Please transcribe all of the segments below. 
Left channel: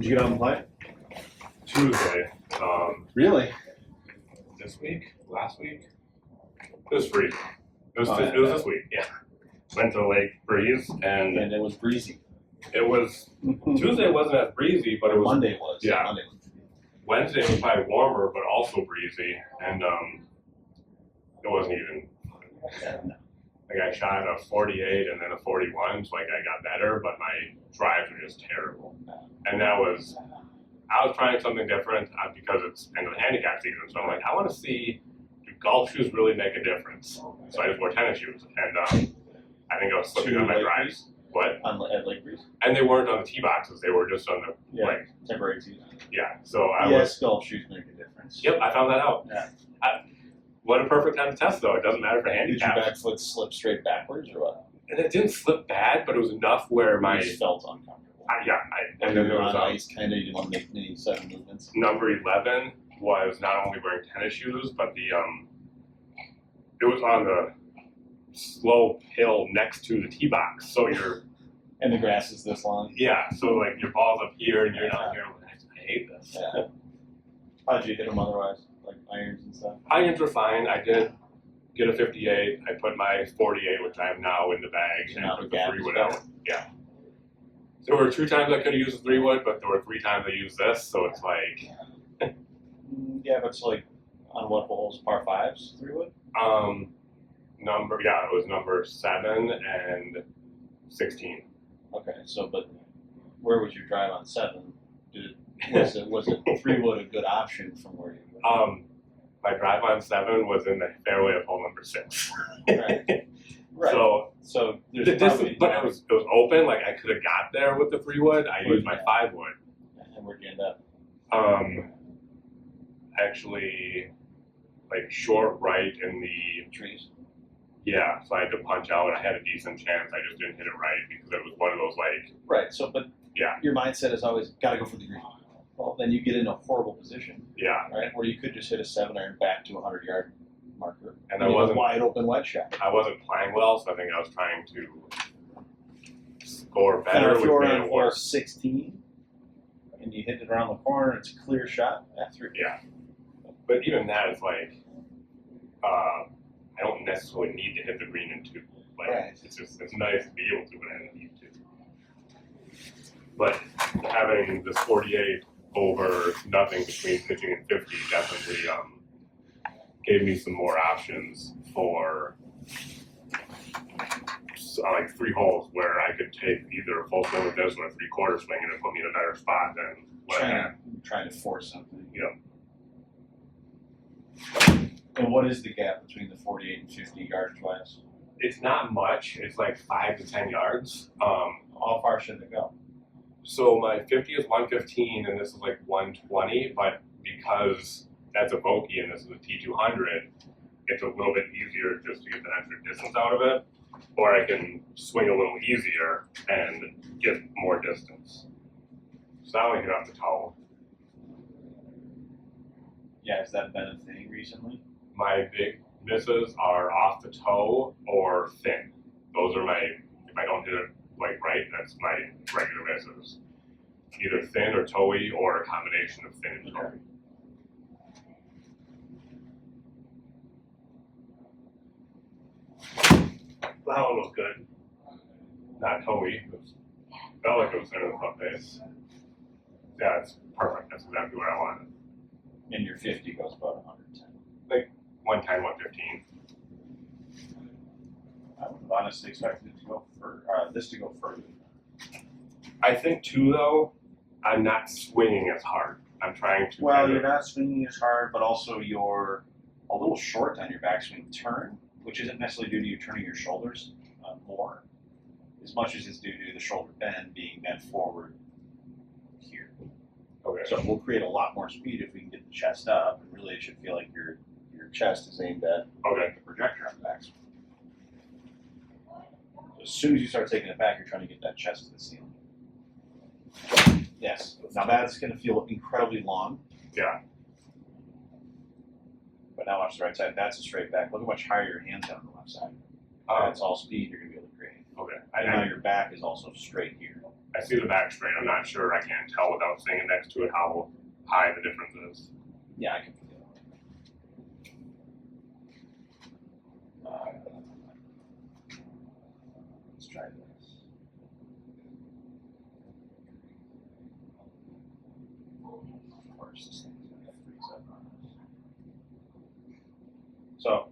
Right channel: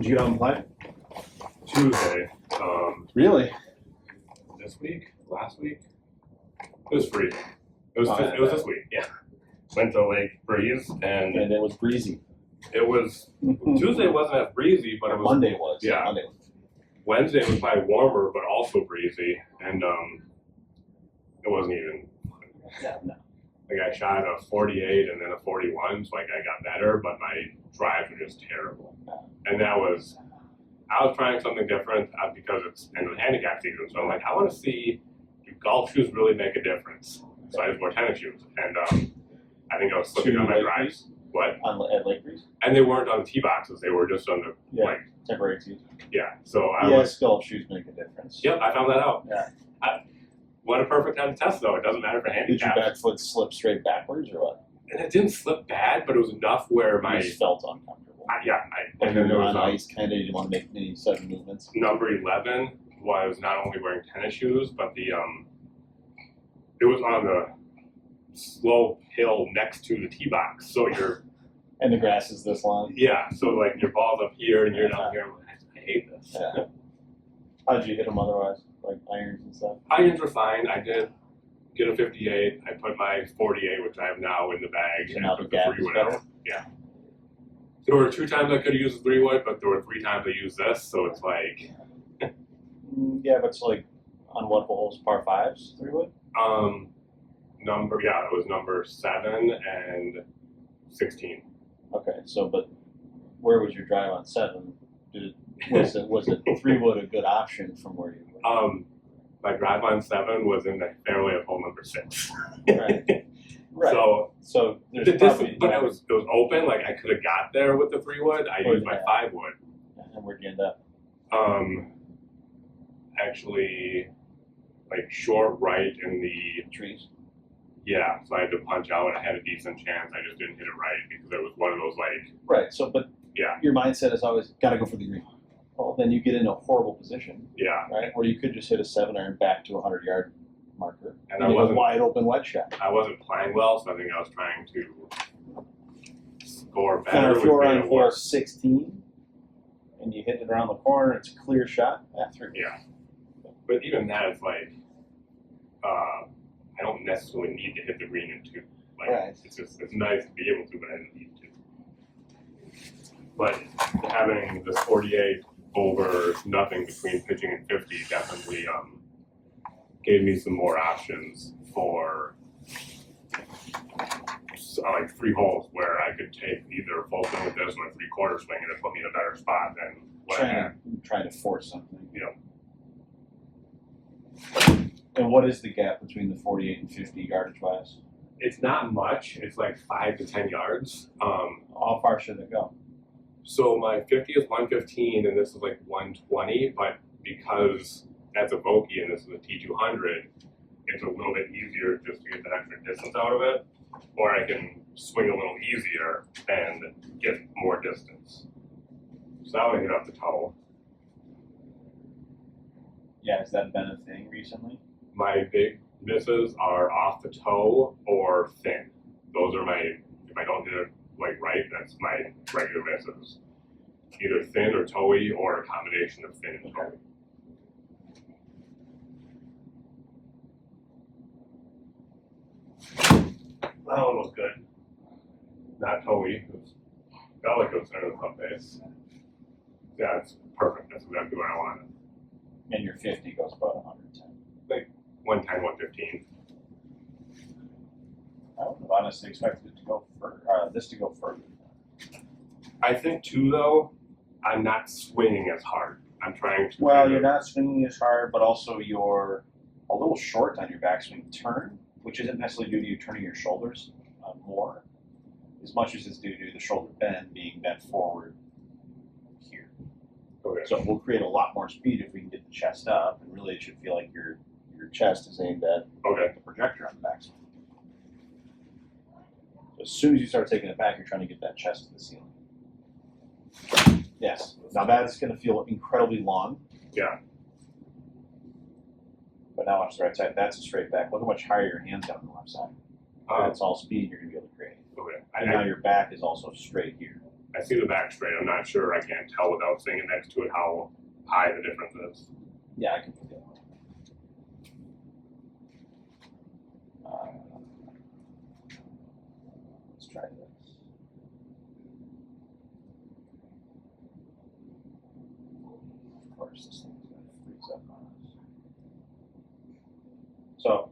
Did you get out and play? Tuesday. Really? This week? Last week? It was freezing. It was this week. Yeah. Went to Lake Breeze and it was breezy. it was Tuesday wasn't as breezy, but it was Monday was. Yeah. Monday was. Wednesday was probably warmer, but also breezy, and it wasn't even. Yeah, no. Like I shot a 48 and then a 41, so like I got better, but my drives were just terrible. And I was trying something different because it's end of the handicap season, so I'm like, I want to see, do golf shoes really make a difference? So I just wore tennis shoes, and I think I was slipping on my drives. What? At Lake Breeze? And they weren't on the tee boxes; they were just on the like temporary tees. Yeah. So I was. Golf shoes make a difference. Yep, I found that out. Yeah. What a perfect time to test, though. It doesn't matter for handicap. Did your back foot slip straight backwards or what? And it didn't slip bad, but it was enough where my. You just felt uncomfortable. And then there was on ice, kind of. You didn't want to make any sudden movements. Number 11 was not only wearing tennis shoes, but it was on the slope hill next to the tee box, so you're. And the grass is this long. Yeah, so like your ball's up here and you're down here. I'm like, I hate this. Yeah. How did you hit them otherwise? Like irons and stuff? Irons were fine. I did get a 58. I put my 48, which I have now, in the bag, and put the 3-wood out. Yeah. There were 2 times I could have used the 3-wood, but there were 3 times I used this, so it's like. Yeah, but it's like on what holes? Par 5s, 3-wood? It was number 7 and 16. Okay, so but where was your drive on 7? Was it 3-wood a good option from where you were? My drive on 7 was in the fairway of hole number 6. Right. Right. So the distance, but it was open. Like I could have got there with the 3-wood. I used my 5-wood. And where'd you end up? Actually, like short right in the trees. Yeah, so I had to punch out. I had a decent chance. I just didn't hit it right because it was one of those like. Right. So, but yeah, your mindset is always got to go for the green. Well, then you get in a horrible position. Yeah. Right. Where you could just hit a 7-iron back to a 100-yard marker. And I wasn't a wide open wedge shot. I wasn't playing well, so I think I was trying to score better. And if you were on hole 16 and you hit it around the corner, it's a clear shot. That's right. Yeah. But even that is like, I don't necessarily need to hit the green in 2. Like right. It's nice to be able to, but I didn't need to. But having this 48 over nothing between pitching and 50 definitely gave me some more options for like 3 holes where I could take either a full swing with this or a 3/4 swing, and it put me in a better spot than what I had. Trying to force something. Yeah. And what is the gap between the 48 and 50 yardage wise? It's not much. It's like 5 to 10 yards. How far should it go? So my 50 is 115 and this is like 120, but because that's a Vokey and this is a T200, it's a little bit easier just to get that extra distance out of it, or I can swing a little easier and get more distance. So that one hit off the toe. Yeah, has that been a thing recently? My big misses are off the toe or thin. Those are my, if I don't hit it like right, that's my regular misses. Either thin or toey or a combination of thin and toey. That one was good. Not toey. It felt like it was center of the front base. Yeah, it's perfect. That's exactly what I wanted. And your 50 goes about 110. Like 110, 115. I would have honestly expected it to go this to go further. I think too, though, I'm not swinging as hard. I'm trying to. Well, you're not swinging as hard, but also you're a little short on your backswing turn, which isn't necessarily due to you turning your shoulders more, as much as it's due to the shoulder bend being bent forward here. Okay. So we'll create a lot more speed if we can get the chest up, and really it should feel like your chest is aimed at the projector on the backswing. So as soon as you start taking it back, you're trying to get that chest to the ceiling. Yes. Now that's going to feel incredibly long. Yeah. But now watch the right side. That's a straight back. Look how much higher your hands are on the left side. That's all speed you're going to be able to create. Okay. And now your back is also straight here. I see the back straight. I'm not sure. I can't tell without seeing it next to it how high the difference is. Yeah, I can put that. Let's try this. Of course, this thing's gonna freeze up on us. So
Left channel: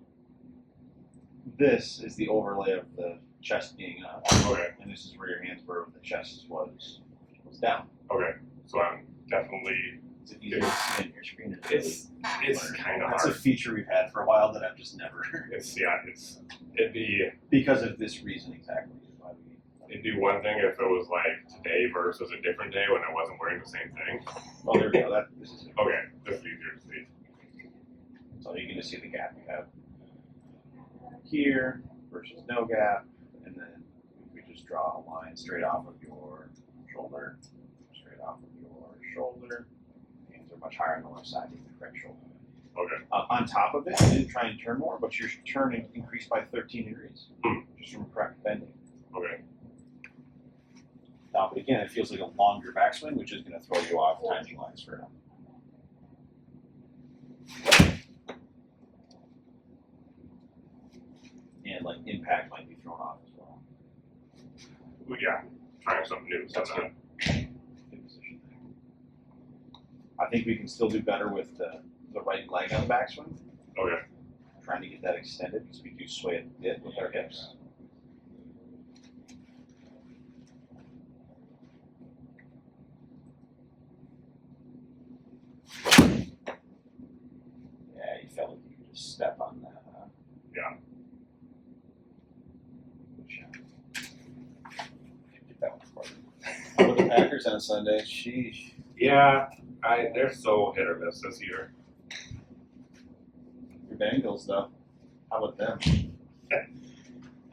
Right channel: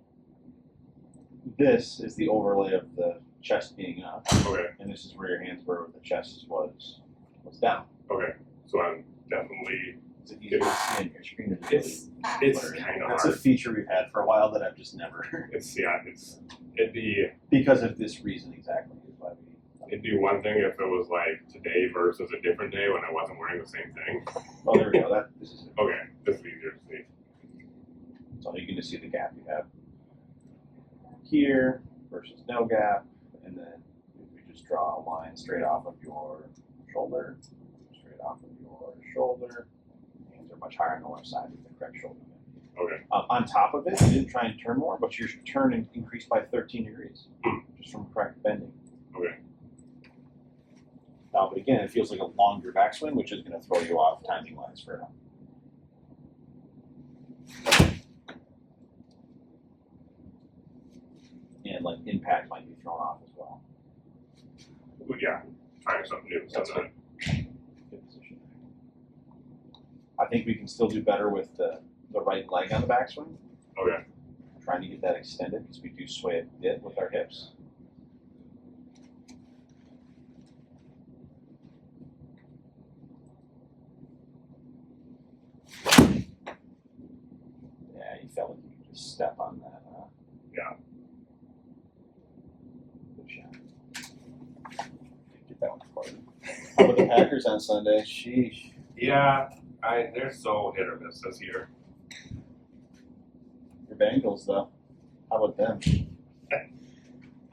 this is the overlay of the chest being up, Okay. and this is where your hands were, the chest was down. Okay. So I'm definitely. Is it easier to see on your screen? Or It's kind of That's hard. a feature we've had for a while that I've just never. It'd be Because of this reason exactly. Is why it'd be one thing if it was like today versus a different day when I wasn't wearing the same thing. Well, there we go. This is it. Okay, this is easier to see. So you can just see the gap you have here versus no gap, and then we just draw a line straight off of your shoulder, straight off of your shoulder. Hands are much higher on the left side with the correct shoulder. Okay. On top of it, you didn't try and turn more, but your turn increased by 13 degrees just from correct bending. Okay. But again, it feels like a longer backswing, which is going to throw you off timing wise for now. And like impact might be thrown off as well. Well, yeah, trying something new. So That's not. Good position. I think we can still do better with the right leg on the backswing. Okay. Trying to get that extended because we do sway a bit with our hips. Yeah, you felt like you could just step on that. Yeah. Good shot. Get that one for you. How about the Packers on Sunday? Sheesh. Yeah, they're so hit or miss this year. Your Bengals, though. How about them?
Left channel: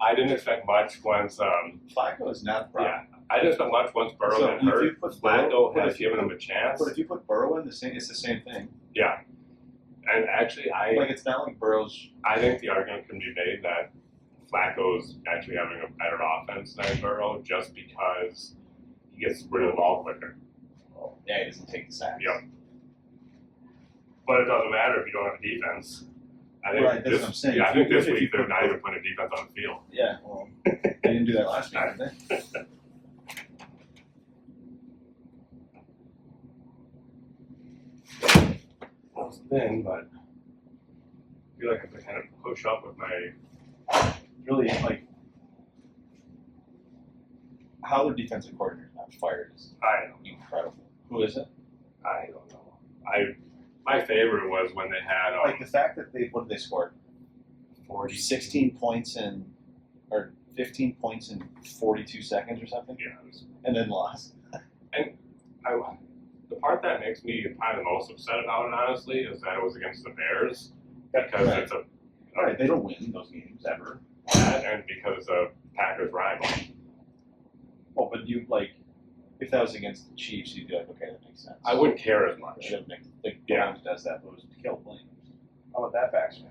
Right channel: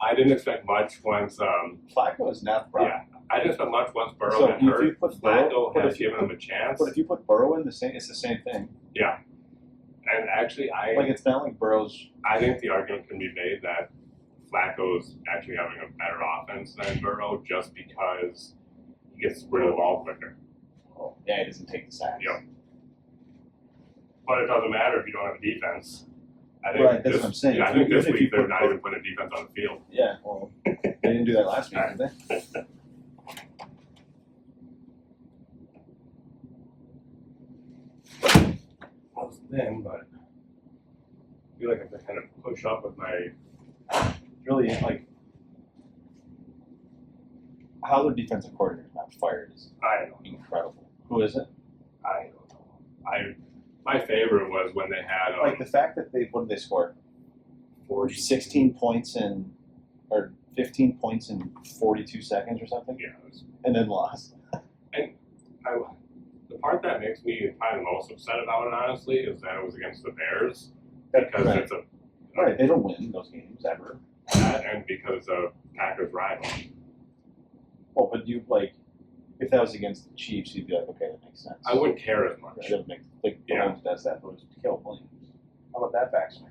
I didn't expect much once. Flacco is not Brown. Yeah, I didn't expect much once Burrow So got if you hurt. put Flacco Burrow- has if you given him a chance. But if you put Burrow in, it's the same thing. Yeah, and actually, Like it's not like Burrow's. I think the argument can be made that Flacco's actually having a better offense than Burrow just because he gets rid of the ball quicker. Yeah, he doesn't take the sacks. Yep. But it doesn't matter if you don't have a defense. I think Right, that's what I'm saying. Yeah, I If think you- this if you week they're put not both- even putting a defense on the field. Yeah, well, they didn't do that last week, did they? That was thin, but I feel like I have to kind of push up with my. Really, like, how their defensive coordinator is not fired is I don't know. incredible. Who is it? I don't know. My favorite was when they had Like the fact that what did they score? 40. 16 points or 15 points in 42 seconds or something, Yeah, it was, and then lost. the part that makes me probably the most upset about it, honestly, is that it was against the Bears because Right. it's a Right, they don't win those games ever. that and because it's a Packers rival. Well, but if that was against the Chiefs, you'd be like, okay, that makes sense. I wouldn't care as much. Should make like Yeah. Williams does that, but it was to kill Williams. How about that backswing?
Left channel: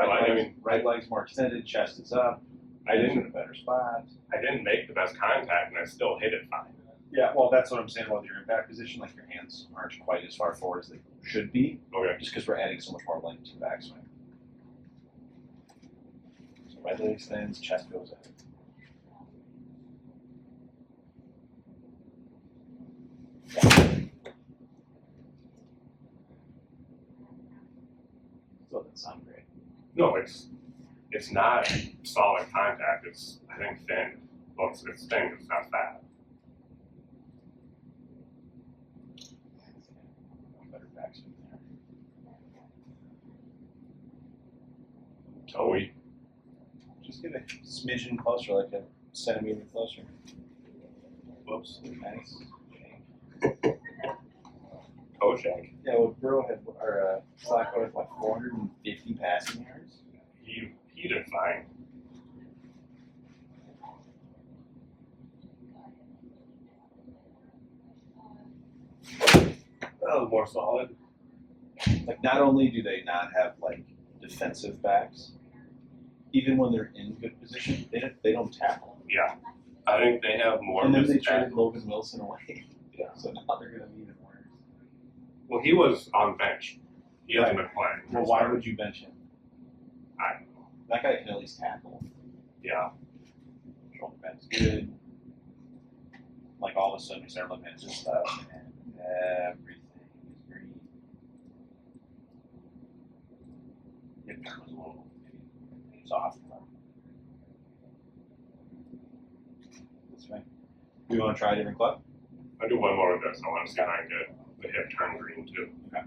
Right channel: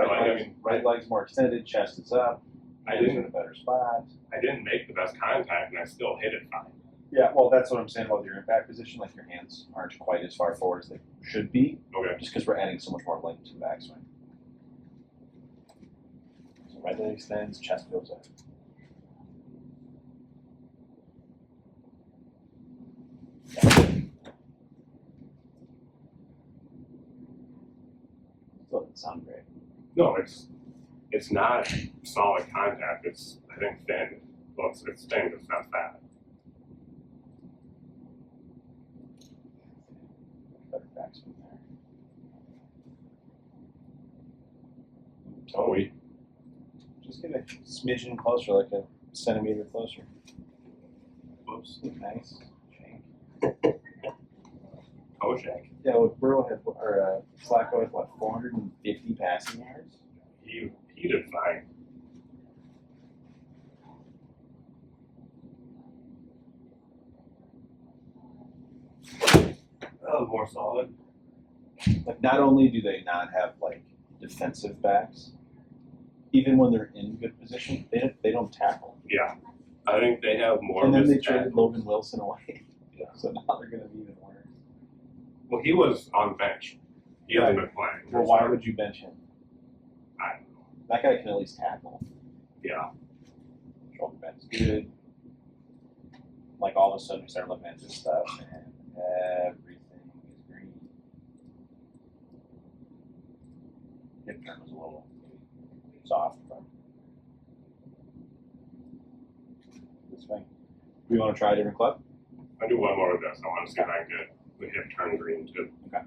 I mean, right leg's more extended, chest is up. I hands are didn't- in a better spot. I didn't make the best contact and I still hit it fine. Yeah, well, that's what I'm saying about your impact position. Like your hands aren't quite as far forward as they should be, Okay. just because we're adding so much more length to the backswing. So right leg extends, chest goes up. Still doesn't sound great. No, it's not solid contact. It's I think thin. Well, it's thin. It's not fat. Better backswing there. Toey. Just get a smidgen closer, like a centimeter closer. Whoops. Nice. Toe shank. Yeah, what Burrow had, or Flacco had, what, 450 passing yards? He did fine. That was more solid. Like, not only do they not have, like, defensive backs, even when they're in good position, they don't tackle. Yeah. I think they have more. And then they missed traded tackles. Logan Wilson away. Yeah. So now they're going to be even worse. Well, he was on the bench. He hasn't been playing. Well, why would you bench him? I don't know. That guy can at least tackle. Yeah. Shoulder bend's good. Like all of a sudden we start looking at this stuff and everything is green. Hip turn was a little maybe soft, but that's fine. Do you want to try a different club? I'll do one more with this. I want to see if I can get the hip turn green too. Okay.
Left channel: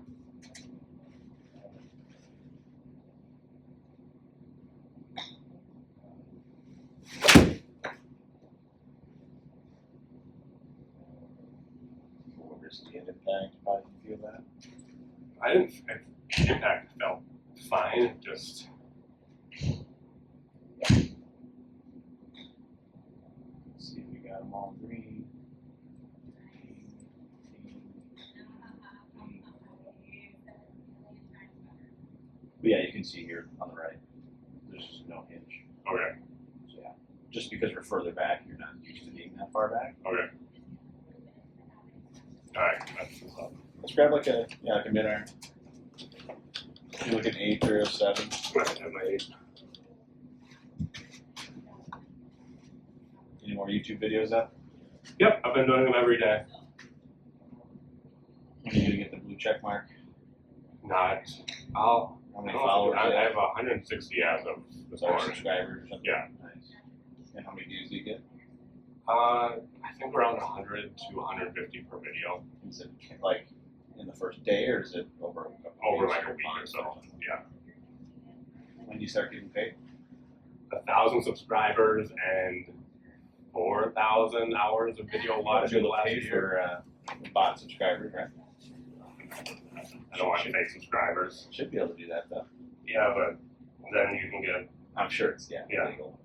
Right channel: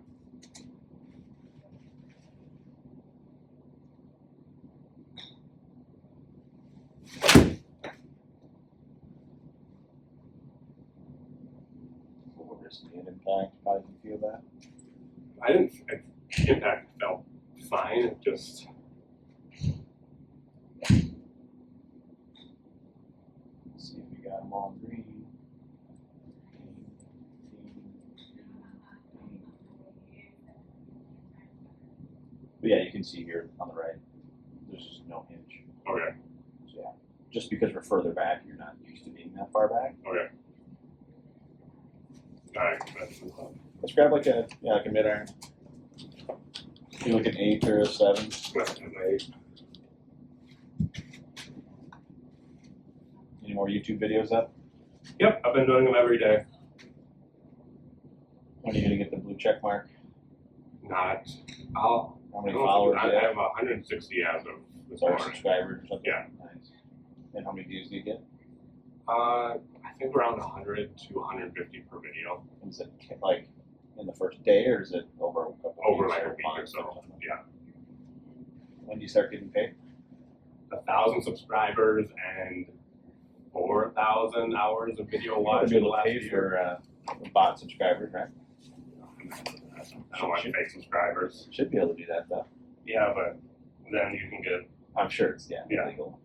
What risk the impact? How did you feel that? I didn't. Impact felt fine. It just. Let's see if you got them all green. But yeah, you can see here on the right, there's just no hinge. Okay. So yeah, just because we're further back, you're not used to being that far back. Okay. All right. Let's grab like a mid iron. Do like an 8 or a 7. Any more YouTube videos up? Yep, I've been doing them every day. When are you gonna get the blue check mark? Not. How many followers? I do you have 160 as of this Or morning. subscribers or something? Yeah. Nice. And how many views do you get? I think around 100 to 150 per video. Is it like in the first day or is it over a couple Over weeks like a or week or months so. something? Yeah. When do you start getting paid? 1,000 subscribers and 4,000 hours of video watching You'll last pay year. for bot subscribers, right? I don't want fake subscribers. Should be able to do that though. Yeah, but then you can get. I'm sure it's Yeah. legal.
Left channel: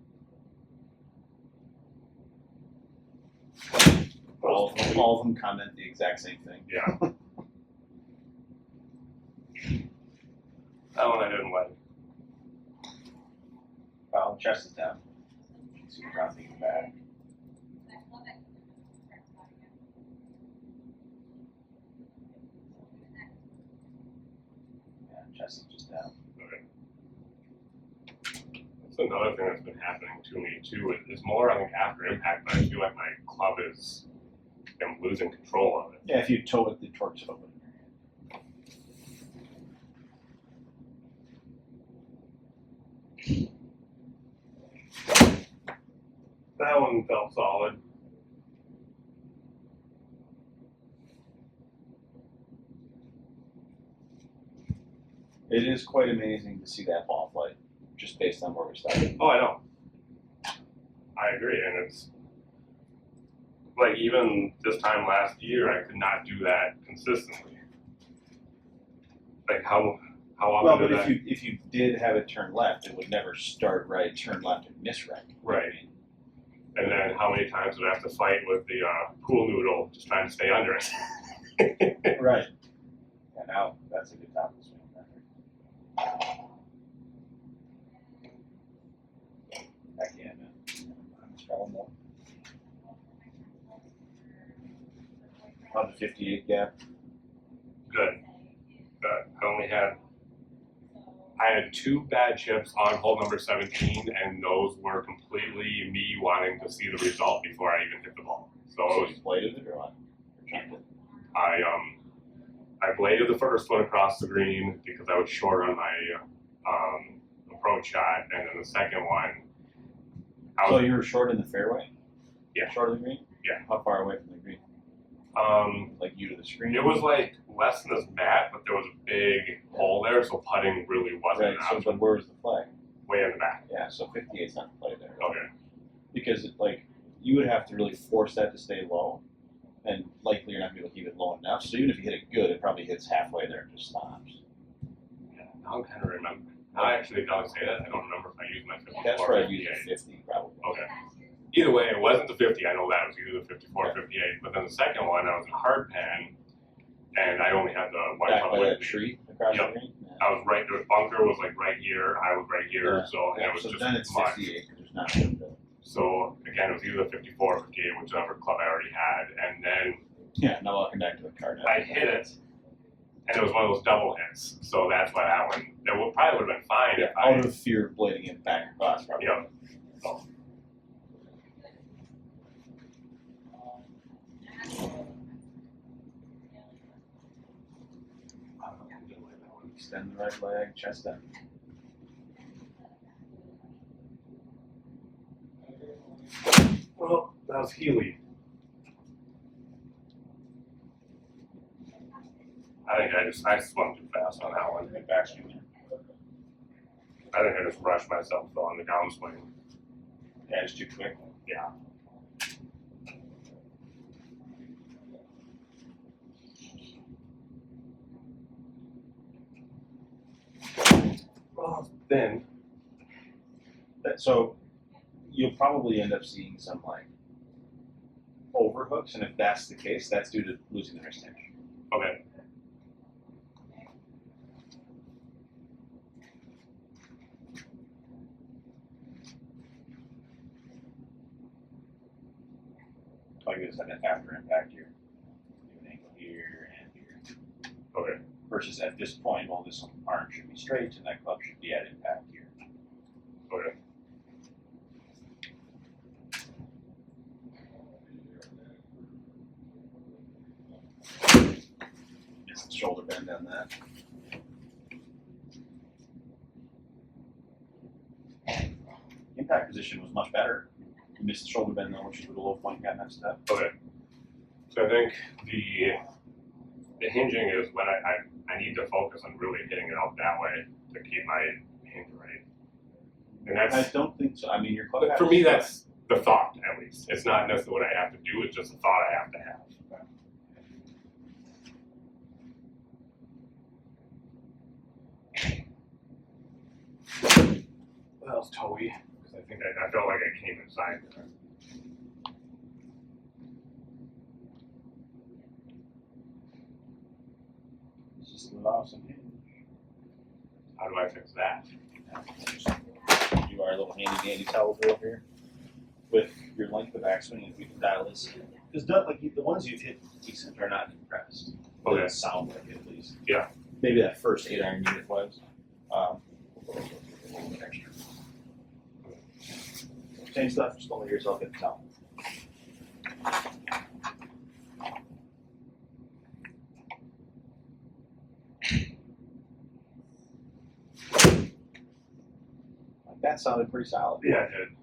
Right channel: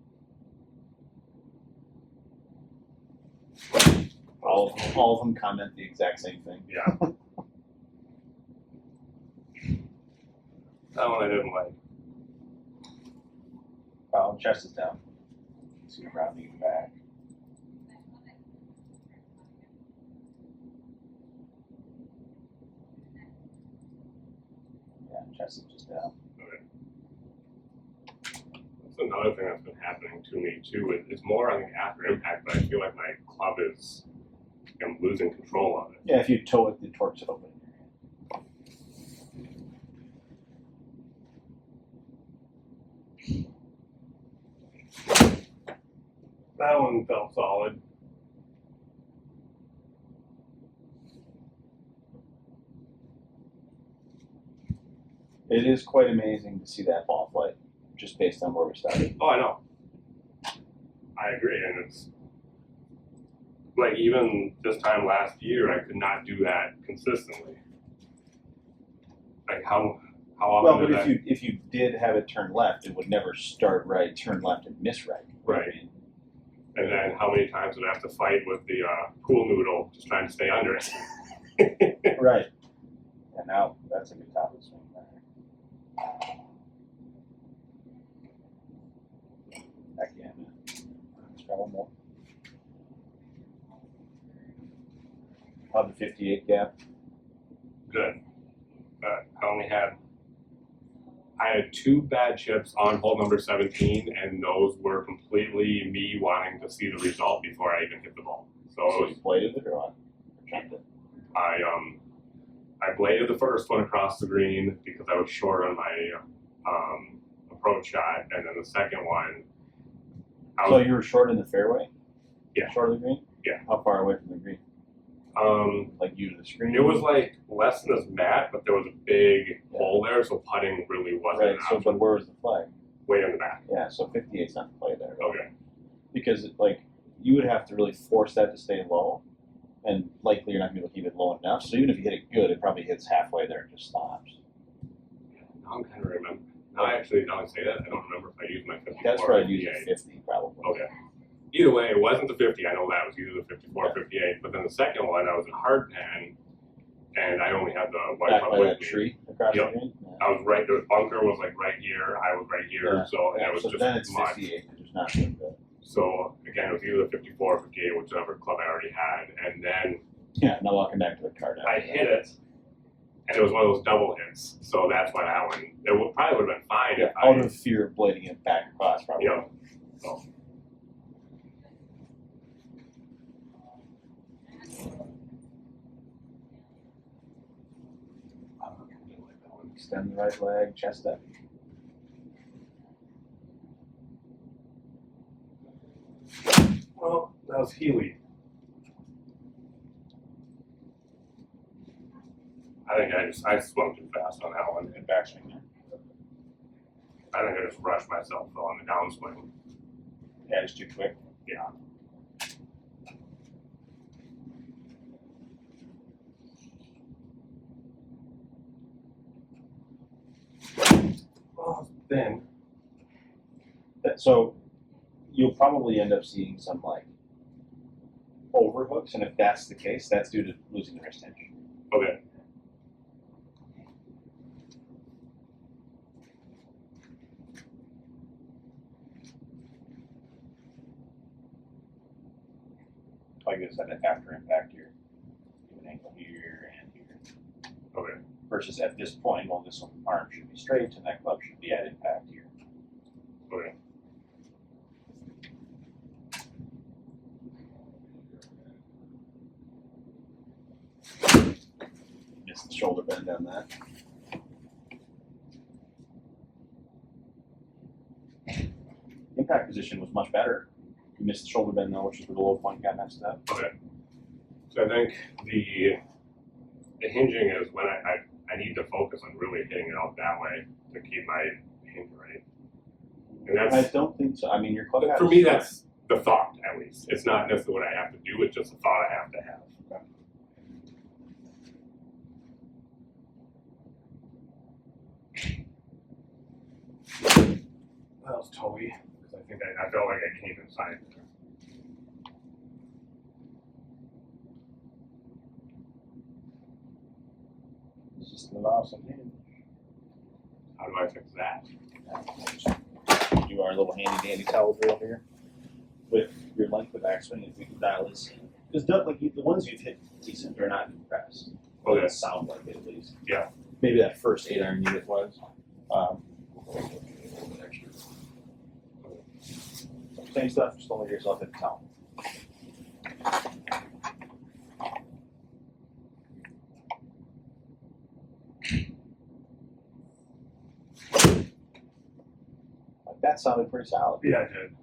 All of them comment the exact same thing. Yeah. That one I didn't like. Well, chest is down. So you're dropping it back. Yeah, chest is just down. That's another thing that's been happening to me too. It's more, I think, after impact, but I feel like my club is. I'm losing control of it. Yeah, if you toe it, the torque's open. That one felt solid. It is quite amazing to see that ball flight, just based on where we started. Oh, I know. I agree, and it's like even this time last year, I could not do that consistently. Like how often Well, did but that? if you did have it turn left, it would never start right, turn left, and miss right. Right. And then how many times did I have to fight with the pool noodle just trying to stay under it? Right. Yeah, now that's a good top of the swing. Back in. Let's try one more. How'd the 58 gap? Good. I had 2 bad chips on hole number 17, and those were completely me wanting to see the result before I even hit the ball. So it was, you bladed it or what? Checked it. I bladed the first one across the green because I was short on my approach shot, and then the second one, So you were short in the fairway? Yeah. Short of the green? Yeah. How far away from the green? Like you to the screen? it was like less than this mat, but there was a big hole there, so putting really wasn't Right, an so option. but where's the flag? Way in the back. Yeah, so 58's not the play there. Okay. Because you would have to really force that to stay low, and likely you're not going to be able to keep it low enough. So even if you hit it good, it probably hits halfway there and just stops. Yeah, now I'm kind of remember. Now I actually don't say that. I don't remember if I used my 54 That's or where I use 58. a 50 probably. Okay. Either way, it wasn't the 50. I know that. It was either the 54 or 58. But then the second one, I was in hard pan, and I only had the white Back club by with that me. tree across Yep. the green? I was right. The bunker was like right here. I was right here. Yeah. So and Yeah, it was so just then it's much. 58 because there's not good. So again, it was either 54 or 58, whichever club I already had, and then Yeah, now walking back to the card. I hit it, and it was one of those double hits. So that's why that one, probably would have been fine if I. Out of fear of blading it back across, probably. Yeah. So. Extend the right leg, chest up. Well, that was Healy. I think I swung too fast on that one. Good backswing there. I think I just rushed myself though on the downswing. Yeah, it's too quick. Yeah. Well, then. So you'll probably end up seeing some like overhooks, and if that's the case, that's due to losing the wrist tension. Okay. Like this, that after impact here, you have an ankle here and here. Okay. Versus at this point, well, this arm should be straight, and that club should be at impact here. Okay. Missed the shoulder bend on that. Impact position was much better. You missed the shoulder bend though, which is where the low point got messed up. Okay. So I think the hinging is when I need to focus on really hitting it out that way to keep my hinge right. And I that's don't think so. I mean, your club. for me. That's the thought, at least. It's not necessarily what I have to do. It's just a thought I have to have. That was toey, because I think I felt like I came inside there. It's just an awesome hinge. How do I fix that? You are a little handy dandy towel drill here. With your length of backswing, if we can dial this in. Because like the ones you've hit decent are not compressed. Okay. They sound like it at least. Yeah. Maybe that first 8-iron unit was. Extra. Same stuff, just don't let yourself hit the towel. That sounded pretty solid. Yeah, I did.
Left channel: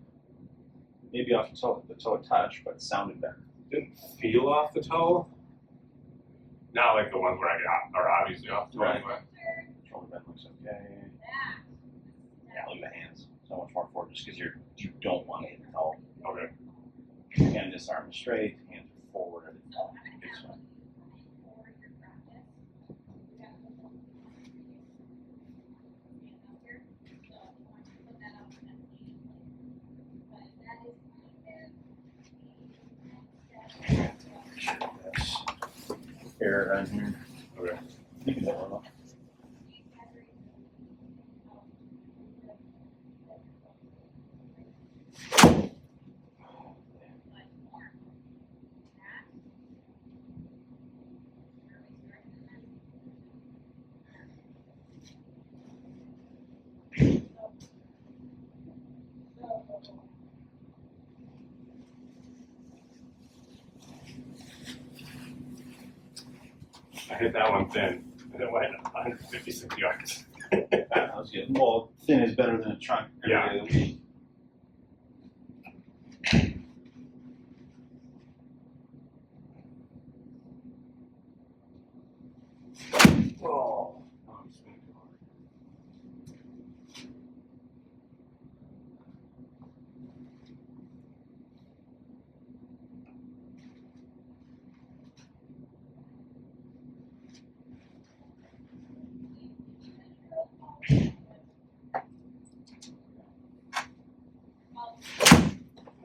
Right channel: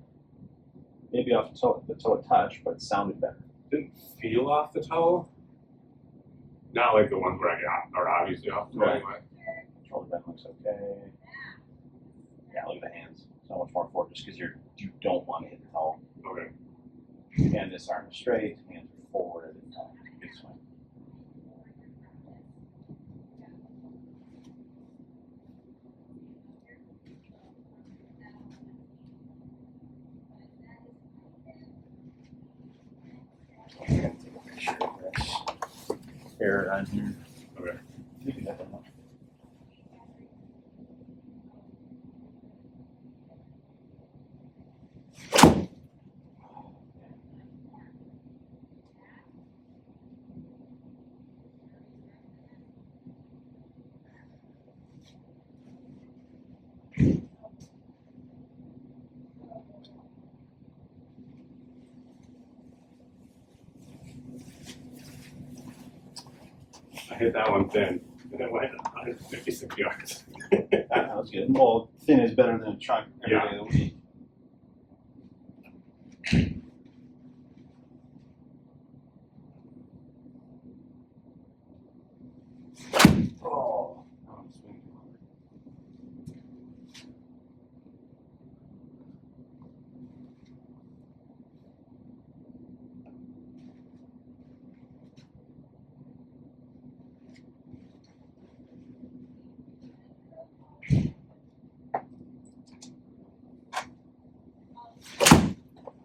Maybe off the toe touch, but sounded better. Didn't feel off the toe. Not like the ones where I got are obviously off the toe Right. anyway. Shoulder bend looks okay. Yeah, look at the hands. So much more forward just because you don't want to hit the toe. Okay. Again, this arm is straight, hands are forward. Big swing. Air it on here. Okay. You can dial it up. I hit that one thin, and it went 156 yards. That was good. Well, thin is better than a chunk every Yeah. day of the week. Oh, I'm swinging too hard.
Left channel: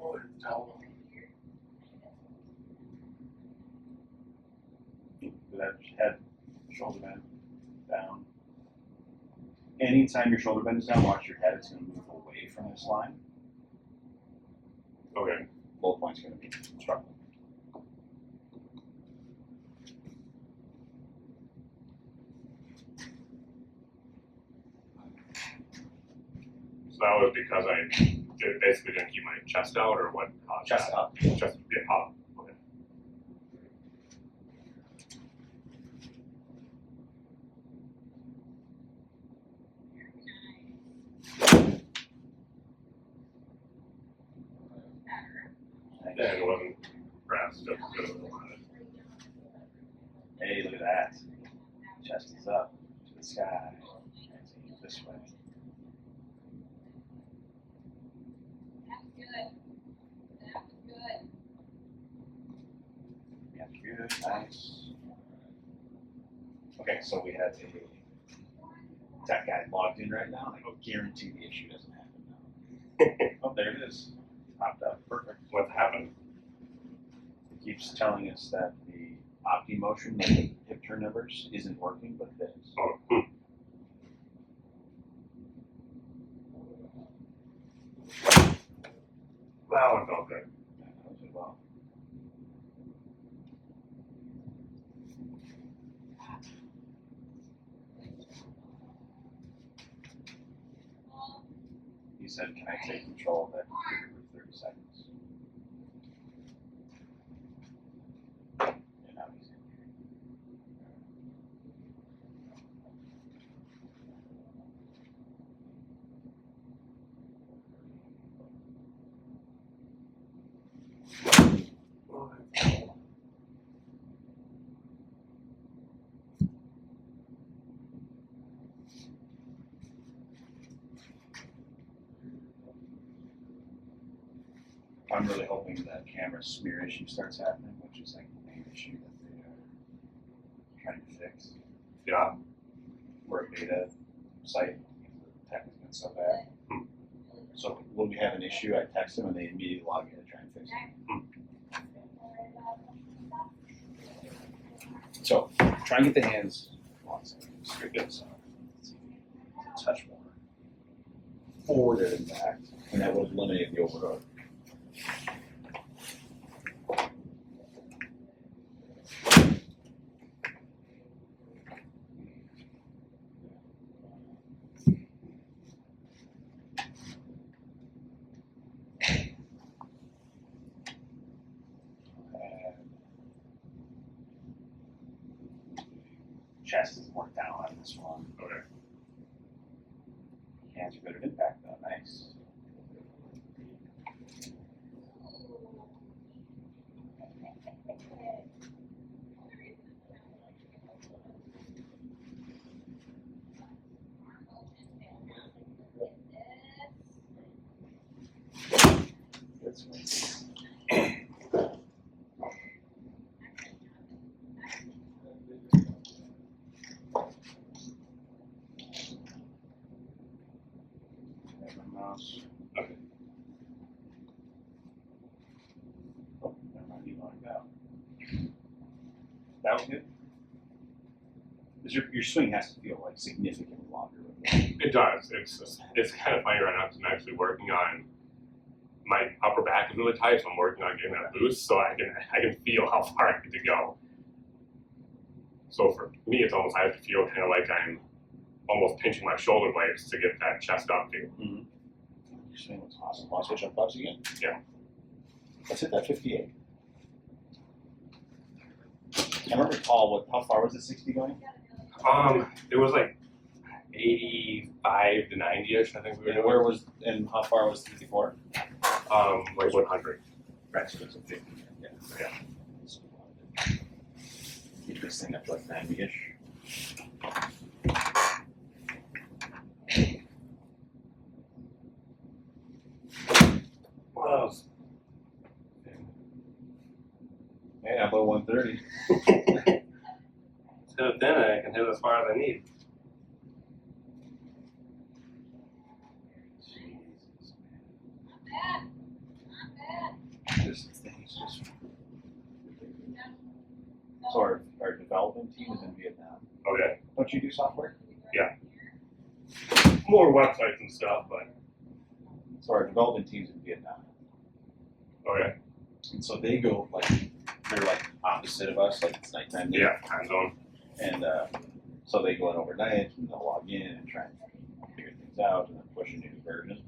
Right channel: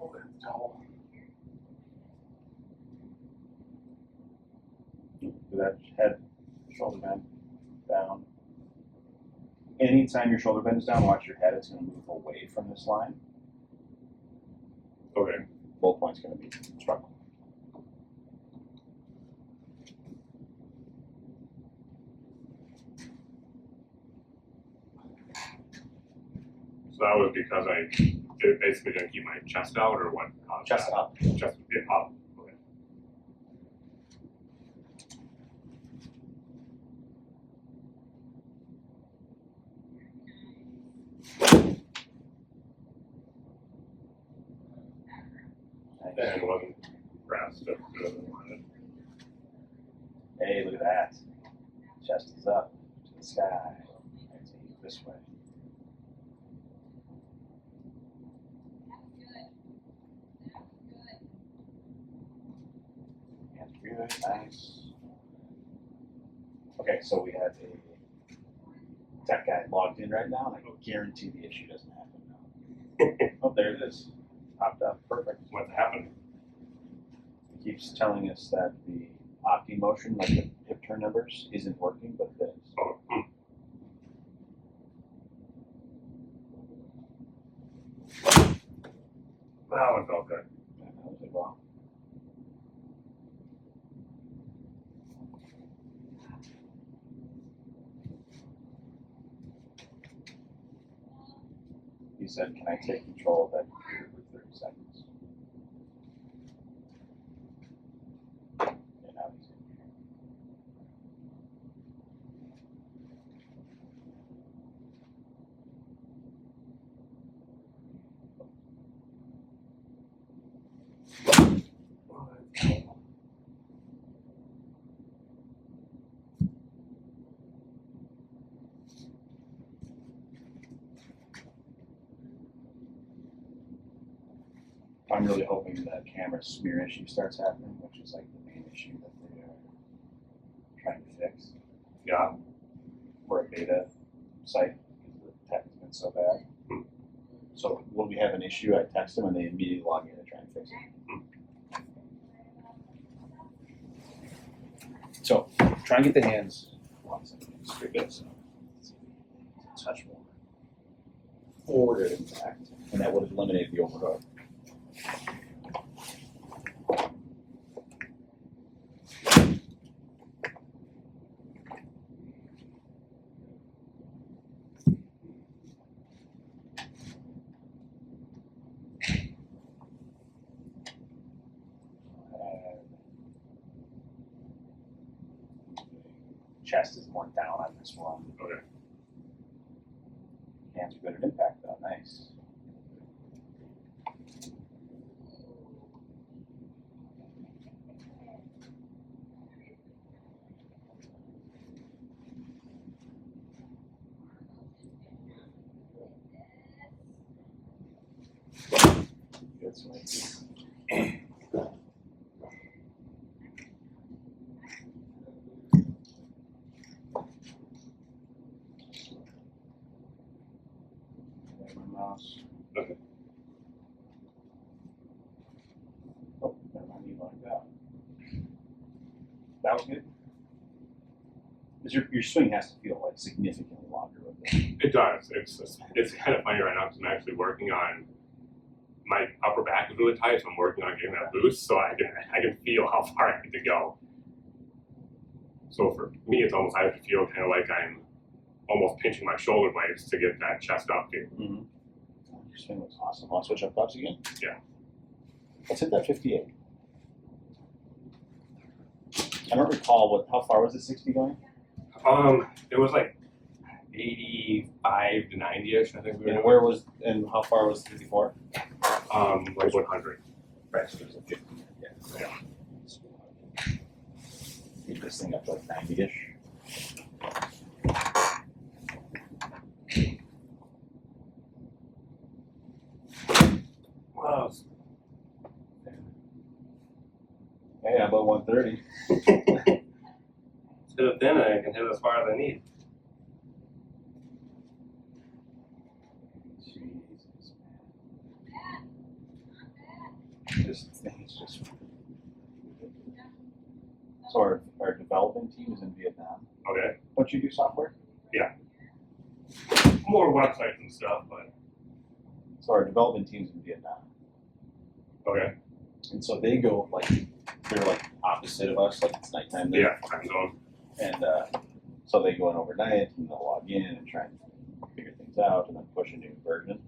Oh, it's towel. That head, shoulder bend, down. Anytime your shoulder bend is down, watch your head. It's going to move away from this line. bullet point's going to be struggling. So that was because I basically didn't keep my chest out, or what? Chest up. Chest up. Okay. And it wasn't pressed just as good as I wanted. Hey, look at that. Chest is up to the sky. This way. Good, nice. Okay, so we have a tech guy logged in right now, and I guarantee the issue doesn't happen now. Oh, there it is. Popped up. Perfect. What happened? It keeps telling us that the opti motion, like the hip turn numbers, isn't working, but it is. Oh, That one felt good. Yeah, that was it well. He said, "Can I take control of that computer for 30 seconds?" And now he's I'm really hoping that camera smear issue starts happening, which is like the main issue that they are trying to fix. Yeah. We're a beta site because the tech has been so bad. So when we have an issue, I text them and they immediately log in and try and fix it. So try and get the hands on something. Straight good. So touch more forward and back, and that would eliminate the overhook. Chest is more down on this one. Okay. Hands are good at impact though, nice. Good swing. Mouse. Okay. Oh, never mind, you logged out. That was good. Because your swing has to feel like significantly longer. It does. It's kind of funny right now because I'm actually working on my upper back is really tight, so I'm working on getting that loose so I can feel how far I need to go. So for me, it's almost I have to feel kind of like I'm almost pinching my shoulder blades to get that chest up too. Mm-hmm. Your swing looks awesome. Want to switch up clubs again? Yeah. Let's hit that 58. I don't recall how far was the 60 going? It was like 85 to 90ish. I think we were doing. And how far was 54? Like 100. Right, so it was a 50. Yeah. Yeah. Keep this thing up to like 90ish. Wow. Hey, I'm about 130. Instead of thin, I can hit it as far as I need. Jesus, this thing is just. So our development team is in Vietnam. Okay. Don't you do software? Yeah. More websites and stuff, but So our development team's in Vietnam. okay. And so they go like they're like opposite of us, like it's nighttime. Yeah, time zone. And so they go in overnight and they'll log in and try and figure things out and then push a new version.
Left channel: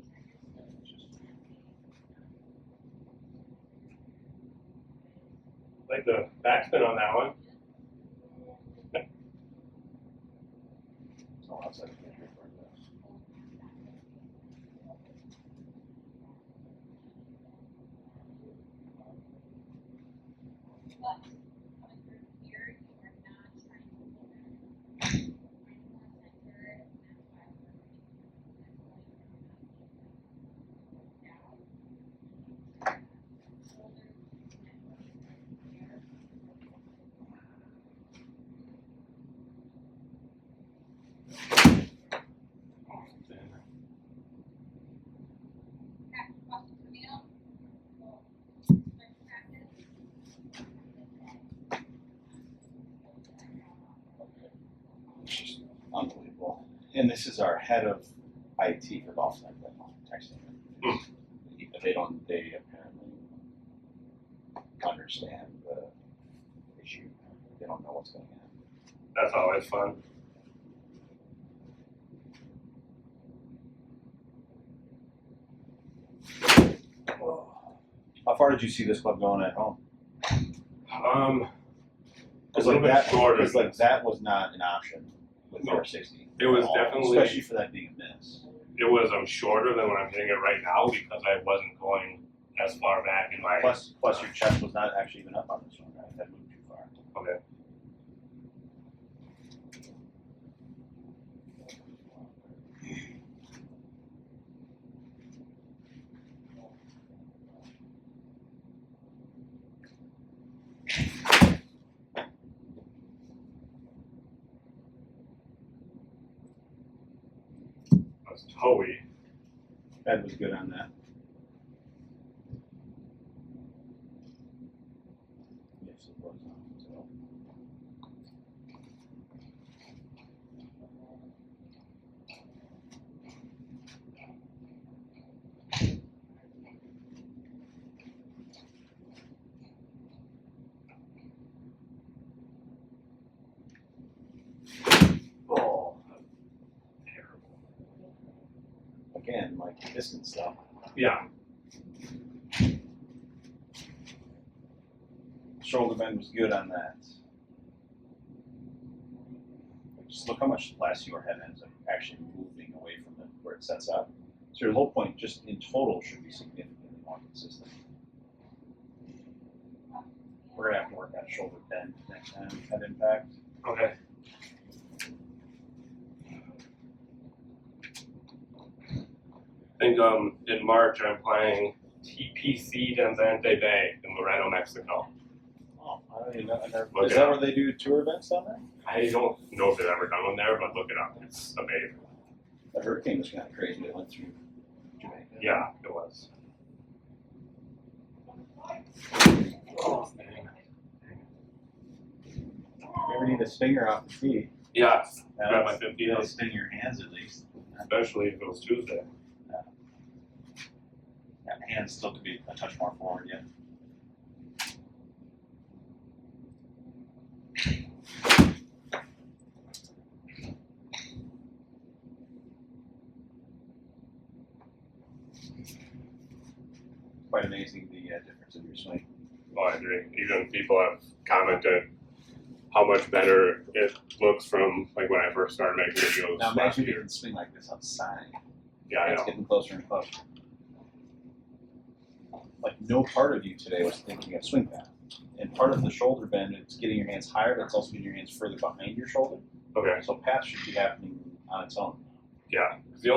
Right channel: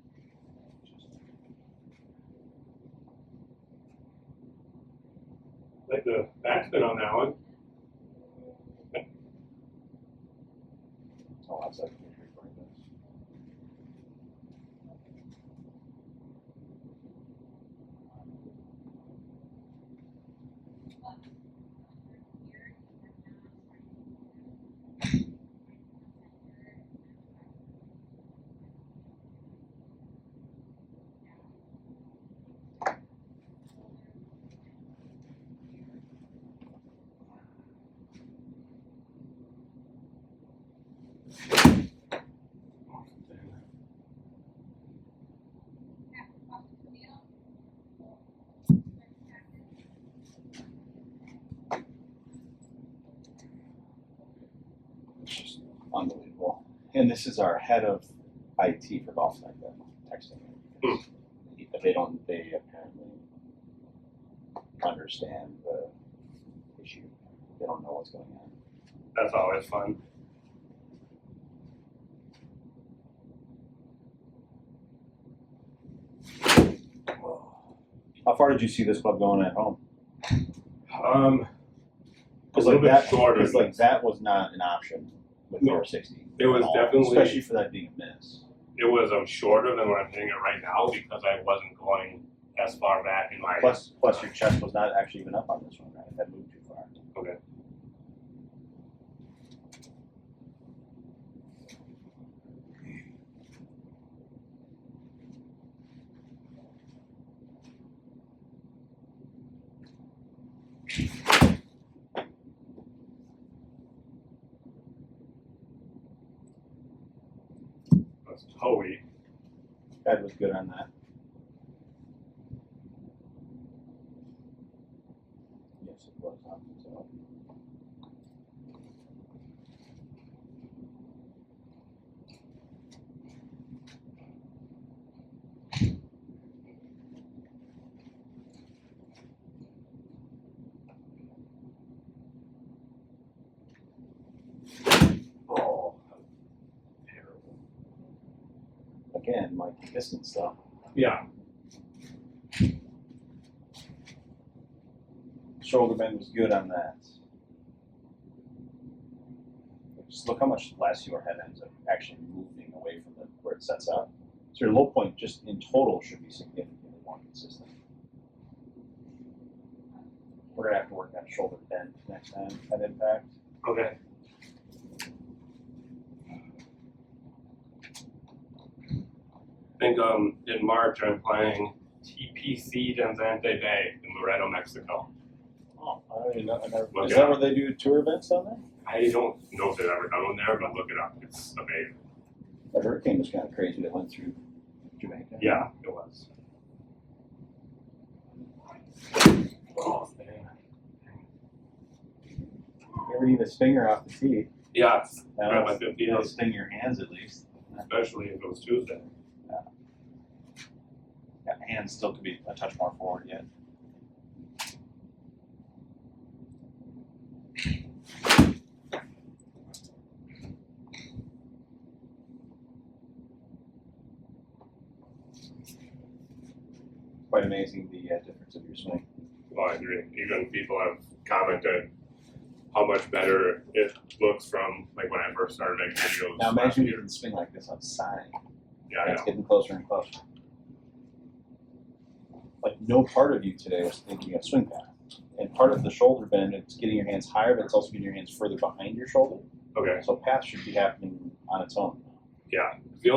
Like the backspin on that one. So that's like, it's just unbelievable. And this is our head of IT for GolfTec texting me. They apparently understand the issue. They don't know what's going on. That's always fun. How far did you see this club going at home? A little bit shorter. Because like that was not an option with No. 460. It was definitely, especially for that being a miss. it was shorter than what I'm hitting it right now because I wasn't going as far back in my. Plus your chest was not actually even up on this one, right? That moved too far. Okay. That's Hoey. That was good on that. Yes, it was on so. Oh, terrible. Again, like distance stuff. Yeah. Shoulder bend was good on that. Just look how much less your head ends up actually moving away from where it sets up. So your low point just in total should be significantly more consistent. We're gonna have to work on shoulder bend next time at impact. Okay. I think in March I'm playing TPC Danzante Bay in Loreto, Mexico. Oh, I don't even know. Look Is it that up. where they do tour events down there? I don't know if they've ever done one there, but look it up. It's amazing. The hurricane was kind of crazy that went through Jamaica. Yeah, it was. Oh, man. You ever need a stinger off the tee? Yeah, That'll grab my 50 that'll days, sting your hands at least. especially if it was Tuesday. Yeah, hands still could be a touch more forward yet. Quite amazing the difference of your swing. Well, I agree. Even people have commented how much better it looks from like when I first started making videos Now last imagine you year. can swing like this outside. Yeah, I It's know. getting closer and closer. Like no part of you today was thinking of swing path. And part of the shoulder bend, it's getting your hands higher, but it's also getting your hands further behind your shoulder. Okay. So path should be happening on its own. Yeah. It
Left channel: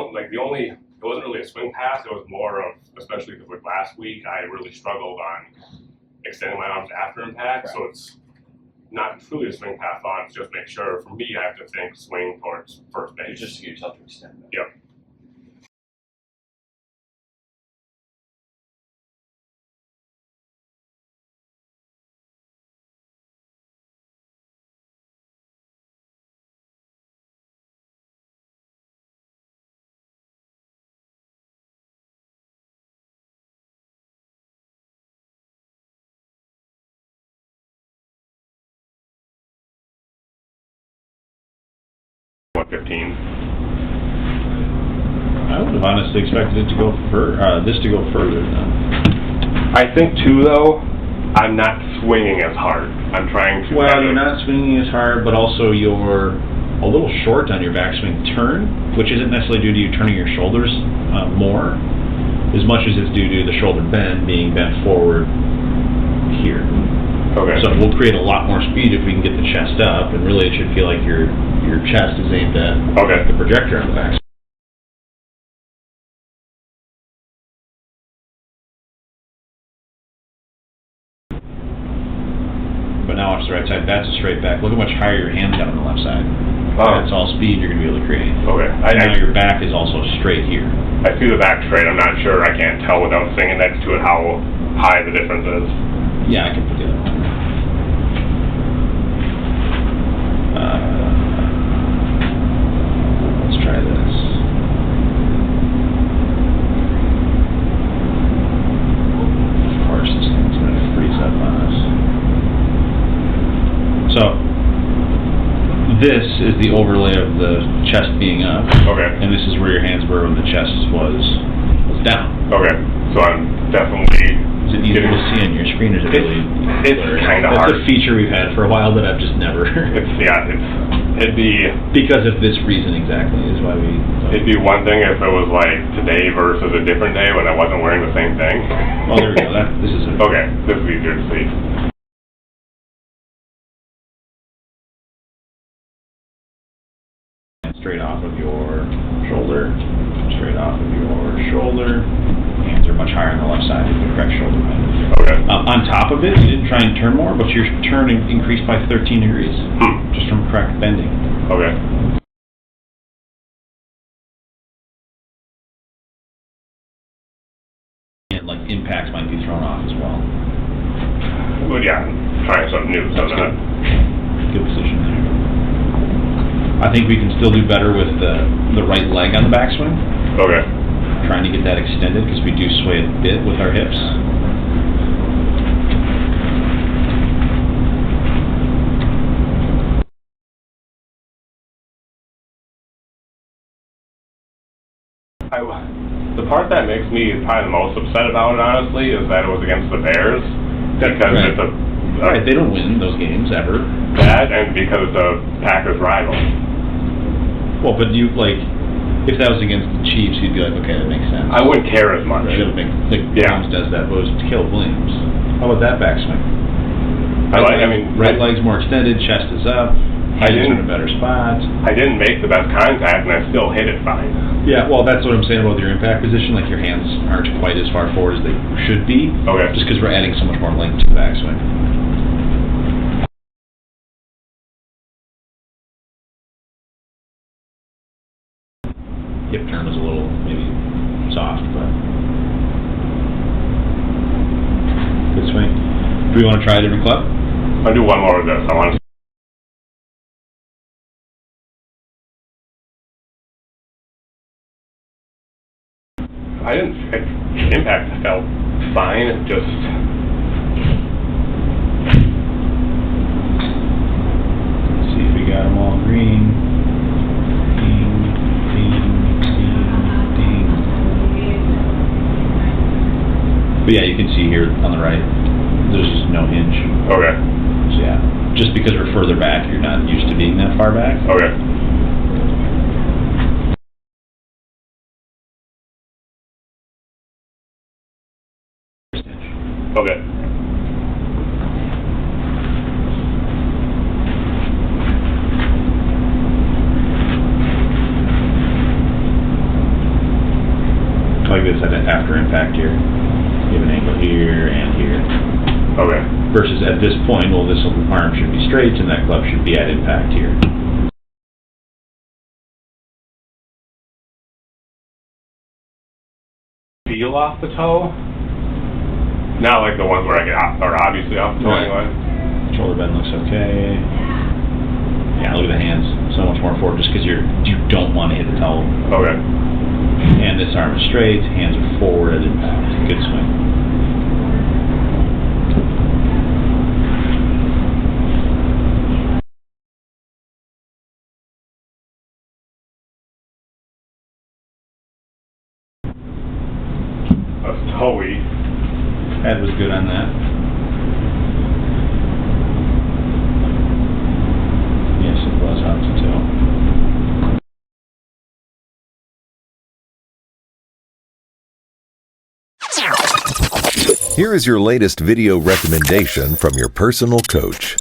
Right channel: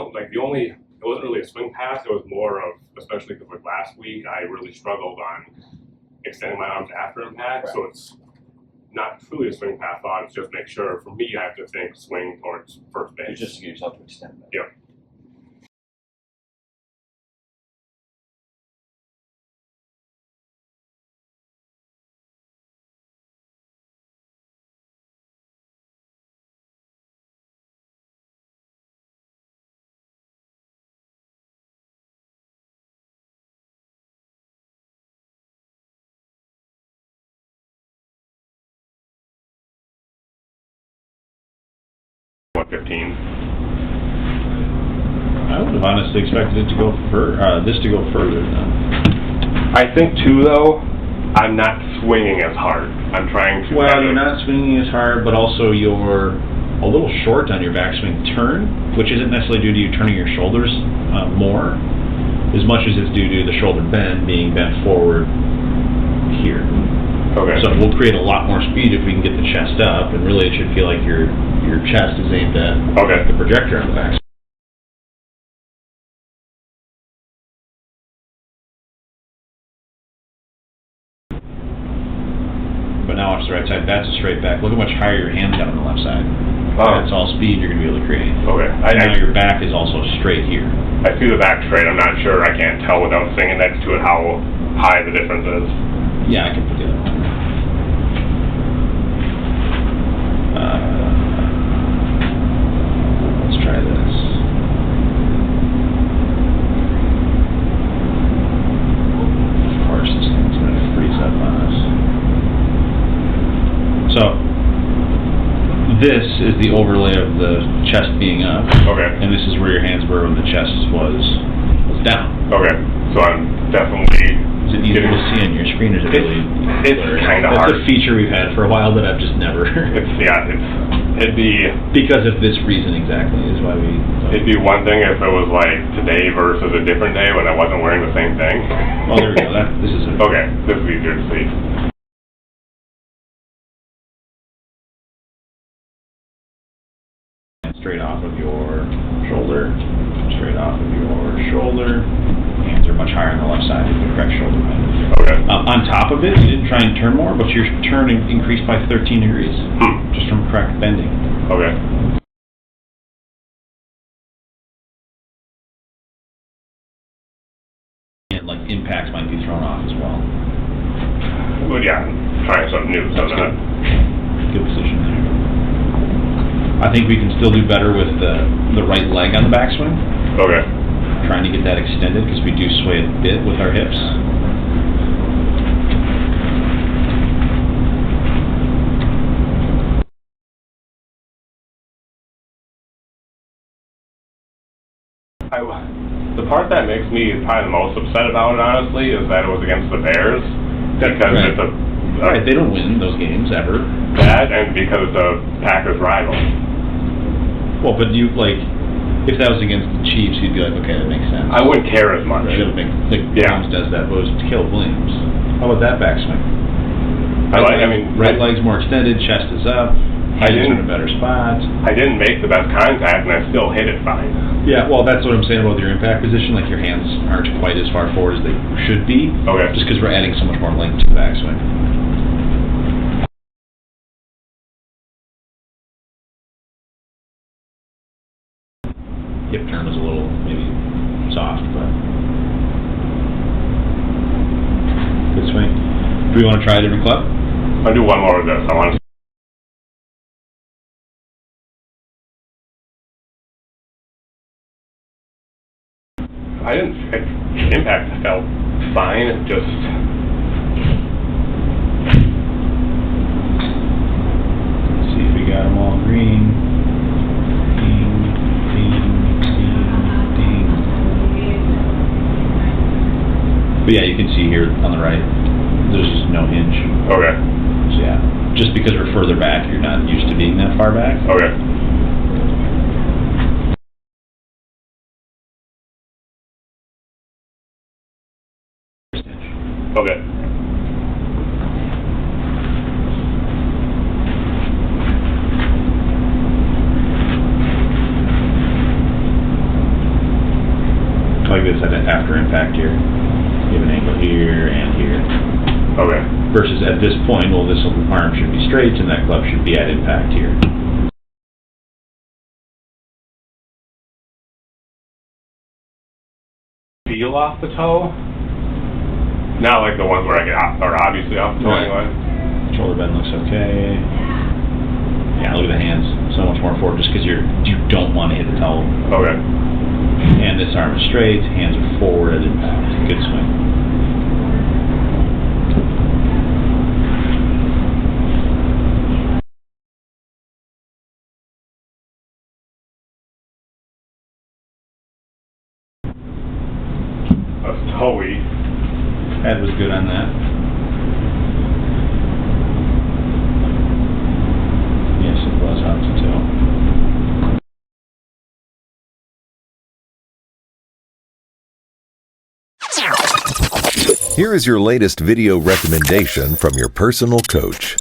wasn't really a swing pass. It was more of, especially because like last week, I really struggled on extending my arms after impact. Right. So it's not truly a swing path thought. It's just make sure for me, I have to think swing towards first base. Just to get yourself to extend that. Yep. a 15. I would have honestly expected it to go this to go further then. I think too, though, I'm not swinging as hard. I'm trying to. Well, you're not swinging as hard, but also you're a little short on your backswing turn, which isn't necessarily due to you turning your shoulders more, as much as it's due to the shoulder bend being bent forward here. Okay. So we'll create a lot more speed if we can get the chest up, and really it should feel like your chest is aimed at the projector on the backswing. But now watch the right side. That's a straight back. Look how much higher your hand's got on the left side. That's all speed you're going to be able to create. Okay. Now your back is also straight here. I see the back straight. I'm not sure. I can't tell without singing next to it how high the difference is. Yeah, I can put the other one. Let's try this. Of course, this thing's going to freeze up on us. So, this is the overlay of the chest being up. Okay. And this is where your hands were when the chest was down. Okay. So I'm definitely. Is it easier to see on your screen, or is it really? It's kind of hard. That's a feature we've had for a while that I've just never. It'd be because of this reason exactly is why we. It'd be one thing if it was like today versus a different day when I wasn't wearing the same thing. Oh, there we go. This is okay. This is easier to see. Straight off of your shoulder. Straight off of your shoulder. Hands are much higher on the left side of the correct shoulder bend. Okay. On top of it, you didn't try and turn more, but your turn increased by 13 degrees just from correct bending. Okay. And like impacts might be thrown off as well. Well, yeah, trying something new. That's good. Good position there. I think we can still do better with the right leg on the backswing. Okay. Trying to get that extended because we do sway a bit with our hips. The part that makes me probably the most upset about it, honestly, is that it was against the Bears. Because it's right, they don't win those games ever. That, and because it's a Packers rival. Well, but if that was against the Chiefs, you'd be like, okay, that makes sense. I wouldn't care as much. Right. Williams does that, but it was Caleb Williams. How about that backswing? Right leg's more extended, chest is up, hands are in a better spot. I didn't make the best contact, and I still hit it fine. Yeah, well, that's what I'm saying about your impact position. Like, your hands aren't quite as far forward as they should be. Okay. Just because we're adding so much more length to the backswing. Hip turn was a little, maybe, soft, but good swing. Do we want to try a different club? I'll do one more of this. I want to. Impact felt fine. It just. Let's see if we got them all green. But yeah, you can see here on the right, there's just no hinge. Okay. So yeah, just because we're further back, you're not used to being that far back. Okay. Okay. Like this after impact here. You have an angle here and here. Okay. Versus at this point, well, this arm should be straight and that club should be at impact here. Feel off the toe? Not like the ones where I get are obviously off the toe anyway. Shoulder bend looks okay. Yeah, look at the hands. So much more forward just because you don't want to hit the toe. Okay. And this arm is straight, hands are forward at impact. Good swing. we're good on that. Yes, it was hot to tell. Here is your latest video recommendation from your personal coach.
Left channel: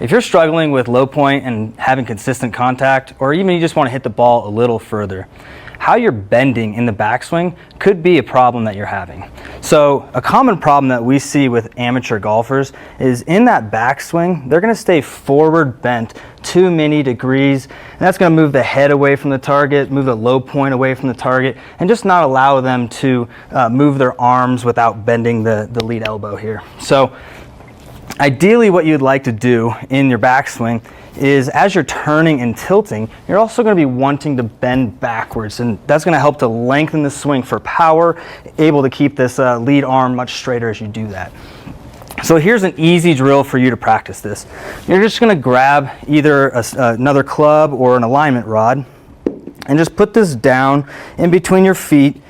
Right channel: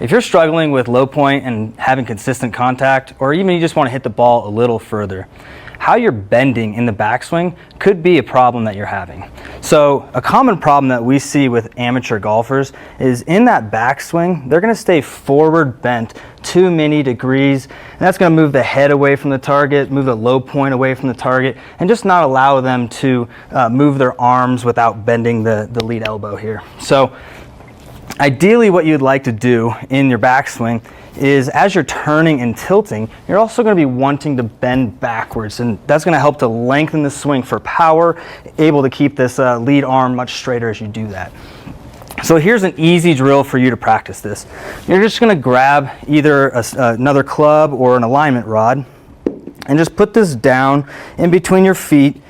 If you're struggling with low point and having consistent contact, or even you just want to hit the ball a little further, how you're bending in the backswing could be a problem that you're having. So a common problem that we see with amateur golfers is in that backswing, they're going to stay forward bent too many degrees, and that's going to move the head away from the target, move the low point away from the target, and just not allow them to move their arms without bending the lead elbow here. So ideally what you'd like to do in your backswing is as you're turning and tilting, you're also going to be wanting to bend backwards, and that's going to help to lengthen the swing for power, able to keep this lead arm much straighter as you do that. So here's an easy drill for you to practice this. You're just going to grab either another club or an alignment rod and just put this down in between your feet,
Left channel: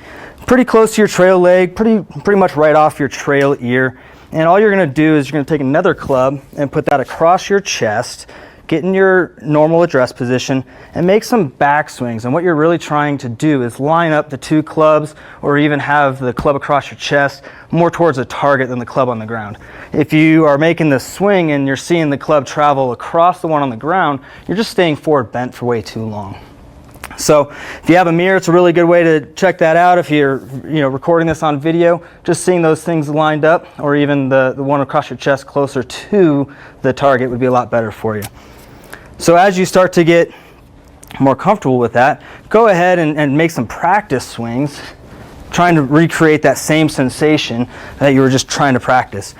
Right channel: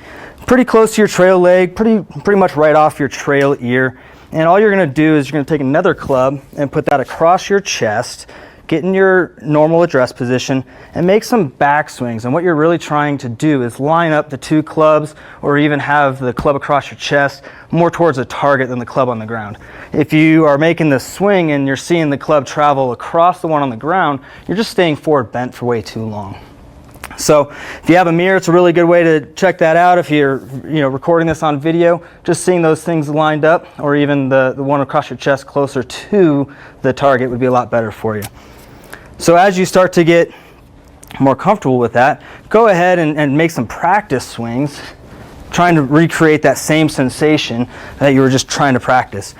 pretty close to your trail leg, pretty much right off your trail ear. And all you're going to do is you're going to take another club and put that across your chest, get in your normal address position, and make some backswings. And what you're really trying to do is line up the two clubs, or even have the club across your chest more towards a target than the club on the ground. If you are making the swing and you're seeing the club travel across the one on the ground, you're just staying forward bent for way too long. So if you have a mirror, it's a really good way to check that out. If you're recording this on video, just seeing those things lined up, or even the one across your chest closer to the target, would be a lot better for you. So as you start to get more comfortable with that, go ahead and make some practice swings, trying to recreate that same sensation that you were just trying to practice.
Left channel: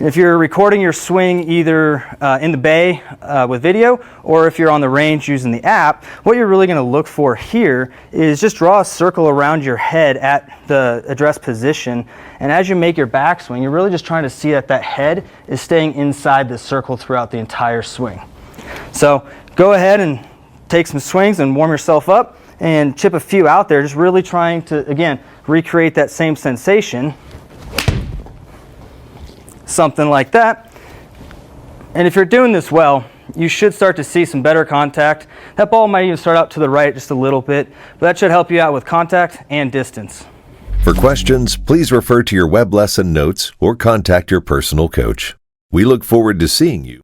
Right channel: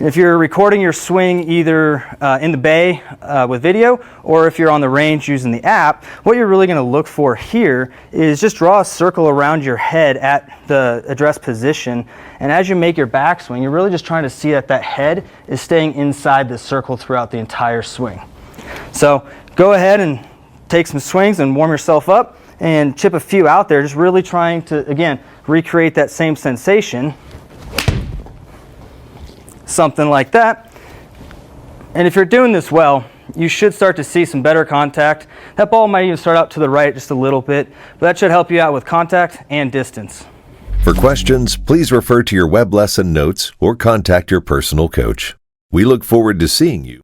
If you're recording your swing either in the bay with video, or if you're on the range using the app, what you're really going to look for here is just draw a circle around your head at the address position, and as you make your backswing, you're really just trying to see that head is staying inside the circle throughout the entire swing. So go ahead and take some swings and warm yourself up and chip a few out there, just really trying to, again, recreate that same sensation. Something like that. And if you're doing this well, you should start to see some better contact. That ball might even start out to the right just a little bit, but that should help you out with contact and distance. For questions, please refer to your web lesson notes or contact your personal coach. We look forward to seeing you